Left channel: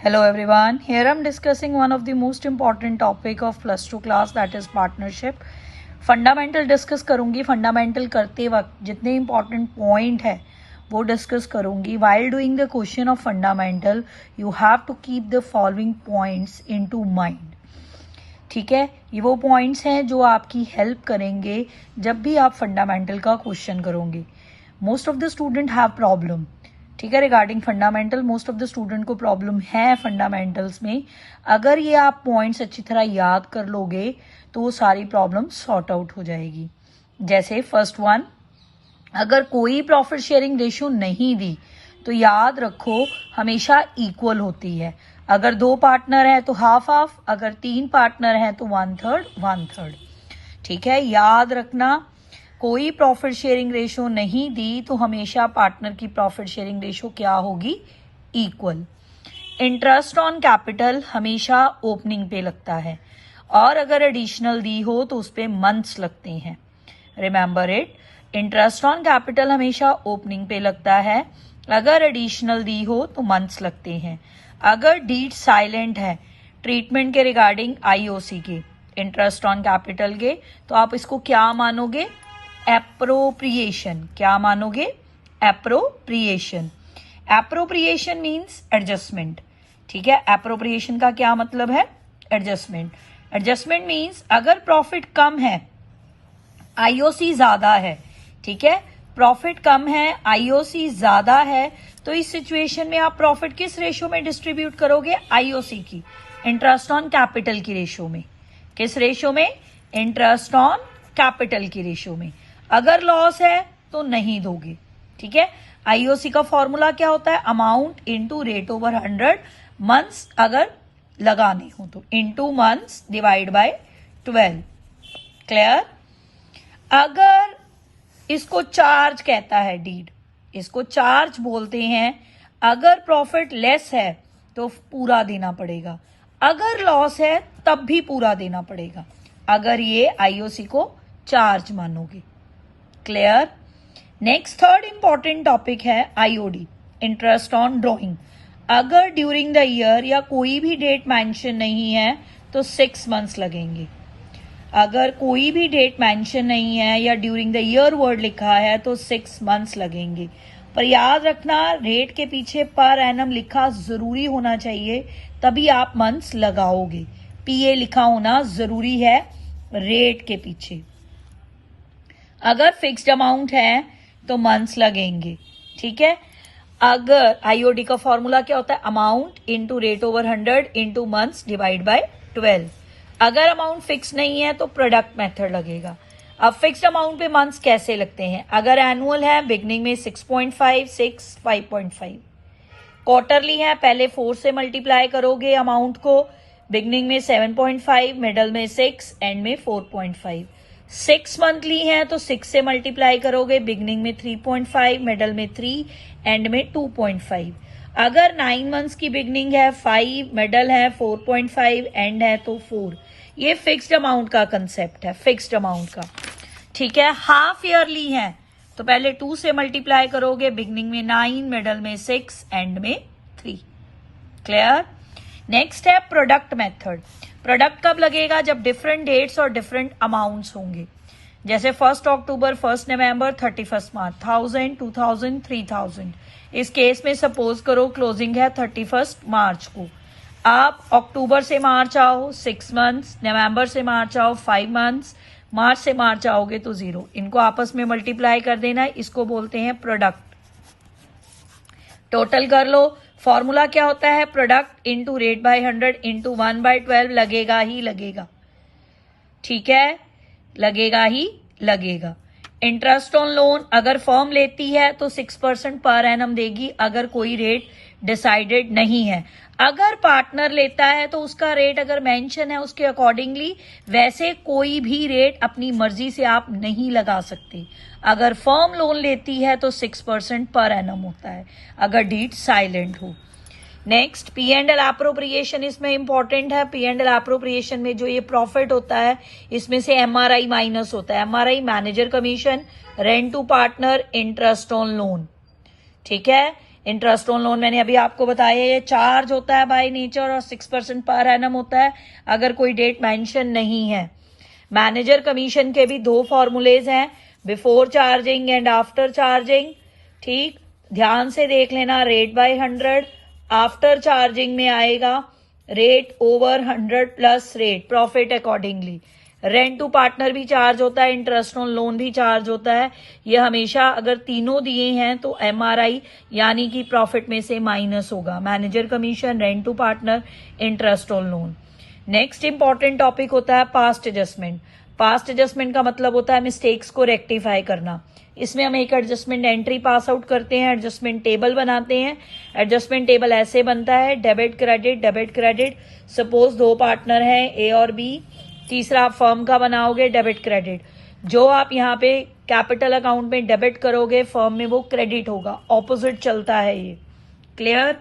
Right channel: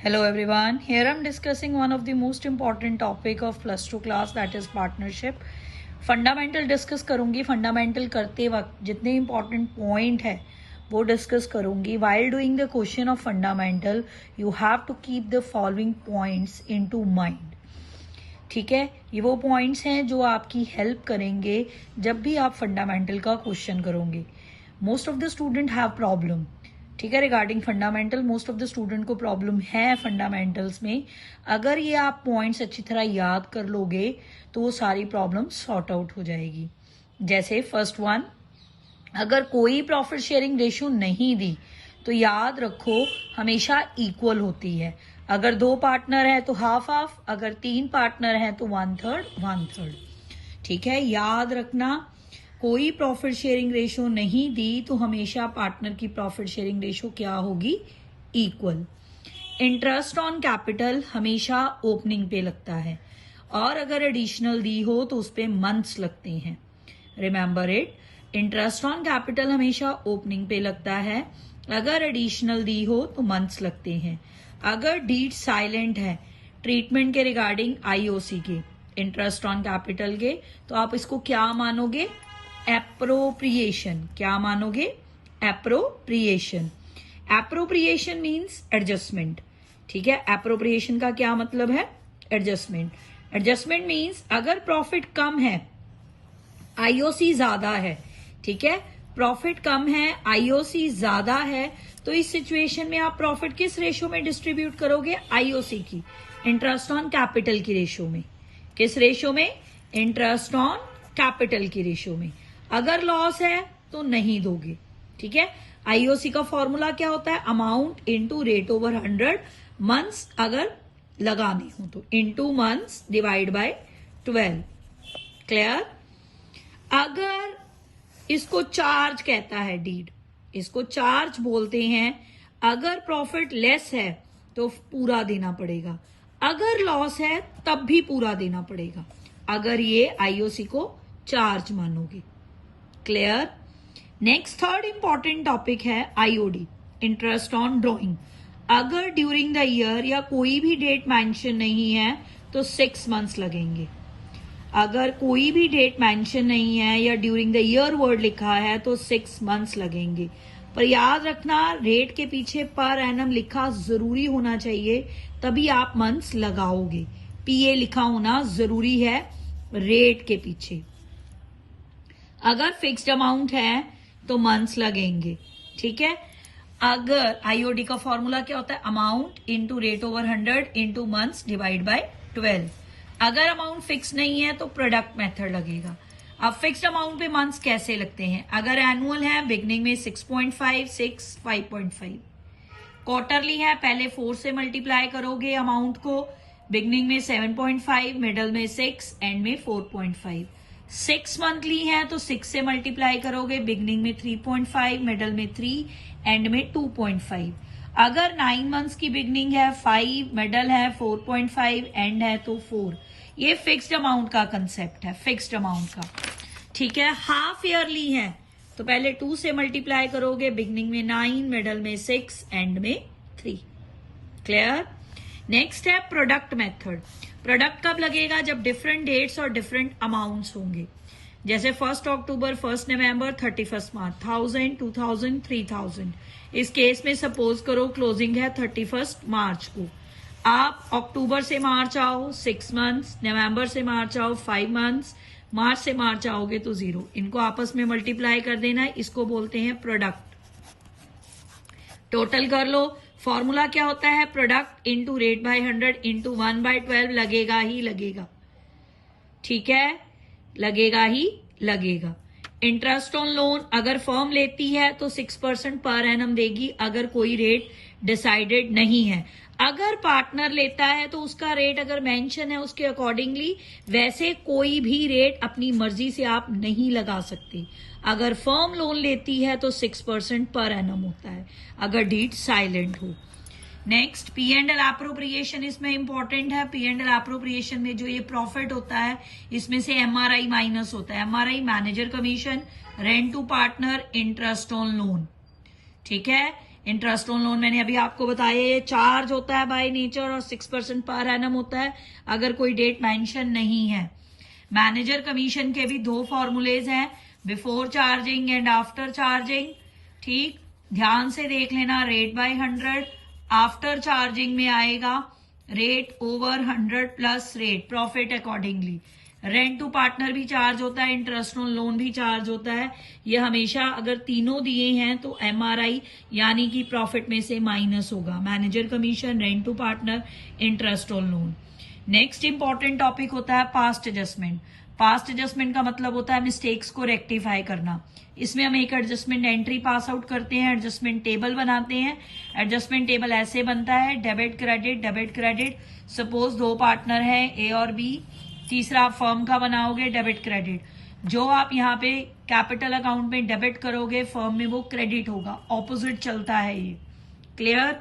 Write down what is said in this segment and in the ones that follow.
Hello everyone, here I'm discussing one of the most important topic of plus 2 class, that is partnership. Fundamental discuss करूंगी. Fundamental करते वक्त जितने important point है वो discuss करूंगी. While doing the question of fundamental you have to keep the following points into mind. ठीक है, ये वो पॉइंट्स हैं जो आपकी हेल्प करेंगे जब भी आप फंडामेंटल का क्वेश्चन करोगे. Most of the student have problem. ठीक है, regarding fundamental most of the student को प्रॉब्लम है फंडामेंटल्स में. अगर ये आप पॉइंट्स अच्छी तरह याद कर लोगे तो वो सारी प्रॉब्लम सॉर्ट आउट हो जाएगी. जैसे फर्स्ट वन, अगर कोई प्रॉफिट शेयरिंग रेशियो नहीं दी तो याद रखो हमेशा इक्वल होती है. अगर 2 पार्टनर है तो हाफ हाफ, अगर 3 पार्टनर है तो 1/3. ठीक है, याद रखना कोई प्रॉफिट शेयरिंग रेशियो नहीं दी तो हमेशा पार्टनर की प्रॉफिट शेयरिंग रेशियो क्या होगी? इक्वल. इंटरेस्ट ऑन कैपिटल हमेशा ओपनिंग पे लगता है और अगर एडिशनल दी हो तो उस पे मंथ्स लगते हैं. Remember it, interest on capital हमेशा ओपनिंग पे लगता है, अगर एडिशनल दी हो तो मंथ्स लगते हैं. अगर डीड साइलेंट है ट्रीटमेंट के रिगार्डिंग आईओसी के, इंटरेस्ट ऑन कैपिटल के, तो आप इसको क्या मानोगे? एप्रोप्रिएशन. क्या मानोगे? एप्रोप्रिएशन. Appropriation means adjustment. ठीक है, एप्रोप्रिएशन का क्या मतलब है? एडजस्टमेंट. एडजस्टमेंट मीन्स अगर प्रॉफिट कम है आईओसी ज्यादा है, ठीक है, प्रॉफिट कम है आईओसी ज्यादा है, तो इस सिचुएशन में आप प्रॉफिट किस रेशियो में डिस्ट्रीब्यूट करोगे? आईओसी की, इंटरेस्ट ऑन कैपिटल की रेशियो में. किस रेशियो में? इंटरेस्ट ऑन कैपिटल की रेशियो में. अगर लॉस है तो नहीं दोगे. ठीक है, आईओसी का फॉर्मूला क्या होता है? Amount into rate over 100 months, अगर लगाने हो तो into months divide by 12. Clear? अगर इसको चार्ज कहता है डीड, इसको चार्ज बोलते हैं. अगर प्रॉफिट लेस है तो पूरा देना पड़ेगा, अगर लॉस है तब भी पूरा देना पड़ेगा, अगर ये आईओसी को चार्ज मानोगे. Clear? Next third important topic है आईओडी, इंटरेस्ट ऑन ड्रॉइंग. अगर ड्यूरिंग द ईयर या कोई भी डेट मेंशन नहीं है तो 6 मंथ्स लगेंगे. अगर कोई भी डेट मेंशन नहीं है या ड्यूरिंग द ईयर वर्ड लिखा है तो 6 मंथ्स लगेंगे. पर याद रखना रेट के पीछे पर एनम लिखा जरूरी होना चाहिए, तभी आप मंथ्स लगाओगे. पीए लिखा होना जरूरी है रेट के पीछे. अगर फिक्स्ड अमाउंट है तो मंथ्स लगेंगे. ठीक है, अगर आईओडी का फॉर्मूला क्या होता है? Amount into rate over 100 into months divide by 12. अगर अमाउंट फिक्स नहीं है तो प्रोडक्ट मेथड लगेगा. अब फिक्स्ड अमाउंट पे मंथ्स कैसे लगते हैं? अगर एनुअल है बिगनिंग में 6.5, 6, 5.5. क्वार्टरली है पहले 4 से मल्टीप्लाई करोगे अमाउंट को, बिगनिंग में 7.5, मिडल में 6, एंड में 4.5. 6 मंथली है तो 6 से मल्टीप्लाई करोगे, बिगनिंग में 3.5, मिडल में 3, एंड में 2.5. अगर 9 मंथ्स की बिगनिंग है 5, मिडल है 4.5, एंड है तो 4. ये फिक्स्ड अमाउंट का कंसेप्ट है, फिक्स्ड अमाउंट का. ठीक है, हाफ ईयरली है तो पहले 2 से मल्टीप्लाई करोगे, बिगनिंग में 9, मिडल में 6, एंड में 3. क्लियर? नेक्स्ट है प्रोडक्ट मेथड. प्रोडक्ट कब लगेगा? जब डिफरेंट डेट्स और डिफरेंट अमाउंट्स होंगे. जैसे 1 अक्टूबर, 1 नवंबर, 31 मार्च, 1000, 2000, 3000. इस केस में सपोज करो क्लोजिंग है 31 मार्च को. आप अक्टूबर से मार्च आओ 6 मंथ्स, नवंबर से मार्च आओ 5 मंथ्स, मार्च से मार्च आओगे तो 0. इनको आपस में मल्टीप्लाई कर देना है, इसको बोलते हैं प्रोडक्ट. टोटल कर लो. फॉर्मूला क्या होता है? Product into rate by 100 into 1/12. लगेगा ही लगेगा. ठीक है, लगेगा ही लगेगा. इंटरेस्ट ऑन लोन अगर फर्म लेती है तो 6% पर एनम देगी, अगर कोई रेट डिसाइडेड नहीं है. अगर पार्टनर लेता है तो उसका रेट अगर मेंशन है उसके अकॉर्डिंगली, वैसे कोई भी रेट अपनी मर्जी से आप नहीं लगा सकते. अगर फर्म लोन लेती है तो 6% पर एनम होता है, अगर डीड साइलेंट हो. Next P and L appropriation इसमें इंपॉर्टेंट है. पी एंड एल एप्रोप्रिएशन में जो ये प्रॉफिट होता है इसमें से एमआरआई माइनस होता है. MRI manager commission, rent to partner, interest on loan. ठीक है, इंटरेस्ट ऑन लोन मैंने अभी आपको बताया, ये चार्ज होता है बाय नेचर और 6% पर एनम होता है अगर कोई डेट मेंशन नहीं है। मैनेजर कमीशन के भी 2 फॉर्मूलेज हैं, before charging and after charging. ठीक, ध्यान से देख लेना। रेट बाय 100, आफ्टर चार्जिंग में आएगा rate over 100 plus rate, profit accordingly. Rent to partner भी चार्ज होता है, इंटरेस्ट ऑन लोन भी चार्ज होता है। ये हमेशा अगर तीनों दिए हैं तो एमआरआई यानी कि प्रॉफिट में से माइनस होगा। Manager commission, rent to partner, interest on loan. Next important topic होता है पास्ट एडजस्टमेंट। पास्ट एडजस्टमेंट का मतलब होता है मिस्टेक्स को रेक्टिफाई करना। इसमें हम एक एडजस्टमेंट एंट्री पास आउट करते हैं, एडजस्टमेंट टेबल बनाते हैं। एडजस्टमेंट टेबल ऐसे बनता है, debit credit debit credit. Suppose 2 partner हैं ए और बी, तीसरा आप फर्म का बनाओगे डेबिट क्रेडिट। जो आप यहाँ पे कैपिटल अकाउंट में डेबिट करोगे फर्म में वो क्रेडिट होगा, ऑपोजिट चलता है ये। क्लियर?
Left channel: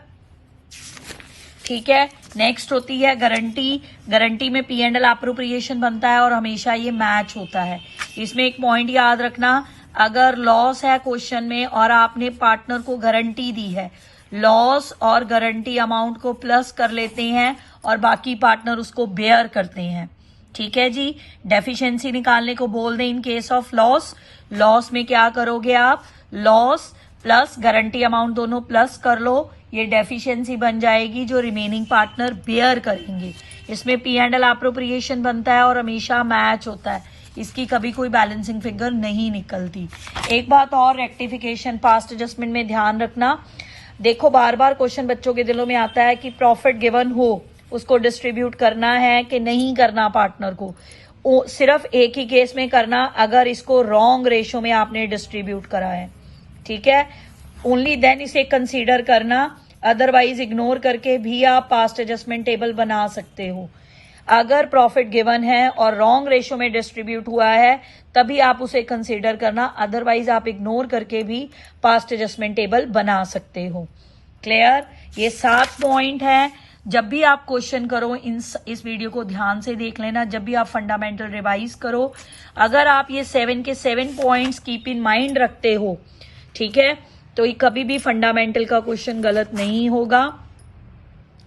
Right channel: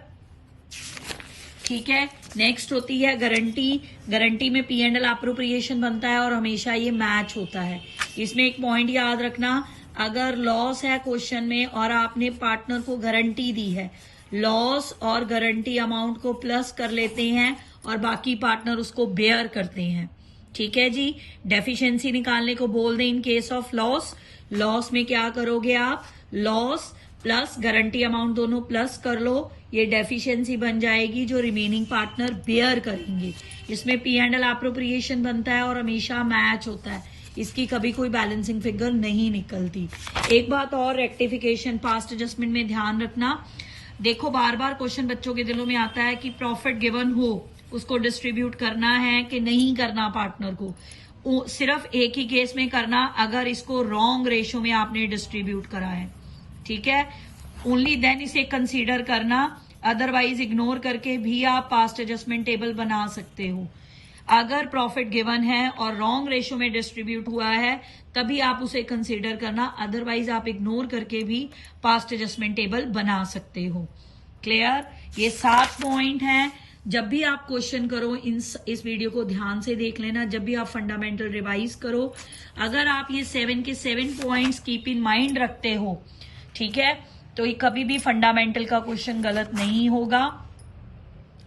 ठीक है। नेक्स्ट होती है गारंटी। गारंटी में P&L अप्रोप्रिएशन बनता है और हमेशा ये मैच होता है। इसमें एक पॉइंट याद रखना, अगर लॉस है क्वेश्चन में और आपने पार्टनर को गारंटी दी है, लॉस और गारंटी अमाउंट को प्लस कर लेते हैं और बाकी पार्टनर उसको बेयर करते हैं। ठीक है जी। डेफिशिएंसी निकालने को बोल दें in case of loss. Loss में क्या करोगे आप, लॉस प्लस गारंटी अमाउंट दोनों प्लस कर लो, ये डेफिशिएंसी बन जाएगी जो रिमेनिंग पार्टनर बेयर करेंगे। इसमें P&L अप्रोप्रिएशन बनता है और हमेशा मैच होता है, इसकी कभी कोई बैलेंसिंग फिगर नहीं निकलती। एक बात और रेक्टिफिकेशन पास्ट एडजस्टमेंट में ध्यान रखना। देखो बार बार क्वेश्चन बच्चों के दिलों में आता है कि प्रॉफिट गिवन हो उसको डिस्ट्रीब्यूट करना है कि नहीं करना पार्टनर को। सिर्फ एक ही केस में करना अगर इसको रॉन्ग रेशो में आपने डिस्ट्रीब्यूट करा है। ठीक है, ओनली देन इसे कंसीडर करना, अदरवाइज इग्नोर करके भी आप पास्ट एडजस्टमेंट टेबल बना सकते हो। अगर प्रॉफिट गिवन है और रॉन्ग रेशो में डिस्ट्रीब्यूट हुआ है तभी आप उसे कंसीडर करना, अदरवाइज आप इग्नोर करके भी पास्ट एडजस्टमेंट टेबल बना सकते हो। क्लियर? ये 7 पॉइंट हैं। जब भी आप क्वेश्चन करो इस वीडियो को ध्यान से देख लेना, जब भी आप फंडामेंटल रिवाइज करो, अगर आप ये 7 के 7 पॉइंट्स कीप इन माइंड रखते हो, ठीक है, तो ये कभी भी फंडामेंटल का क्वेश्चन गलत नहीं होगा।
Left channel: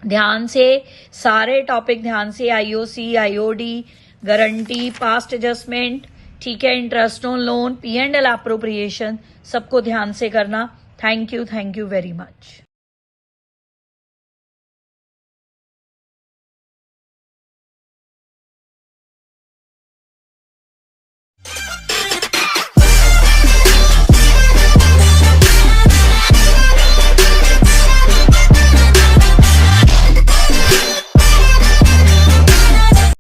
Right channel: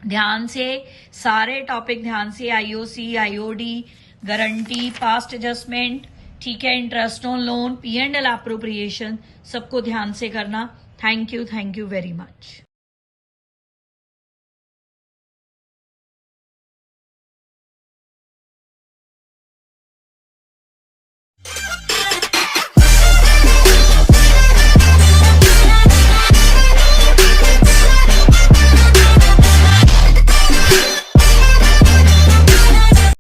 ध्यान से सारे टॉपिक ध्यान से, IOC, IOD, guarantee, past adjustment, ठीक है, interest on loan, P&L appropriation, सबको ध्यान से करना। Thank you very much.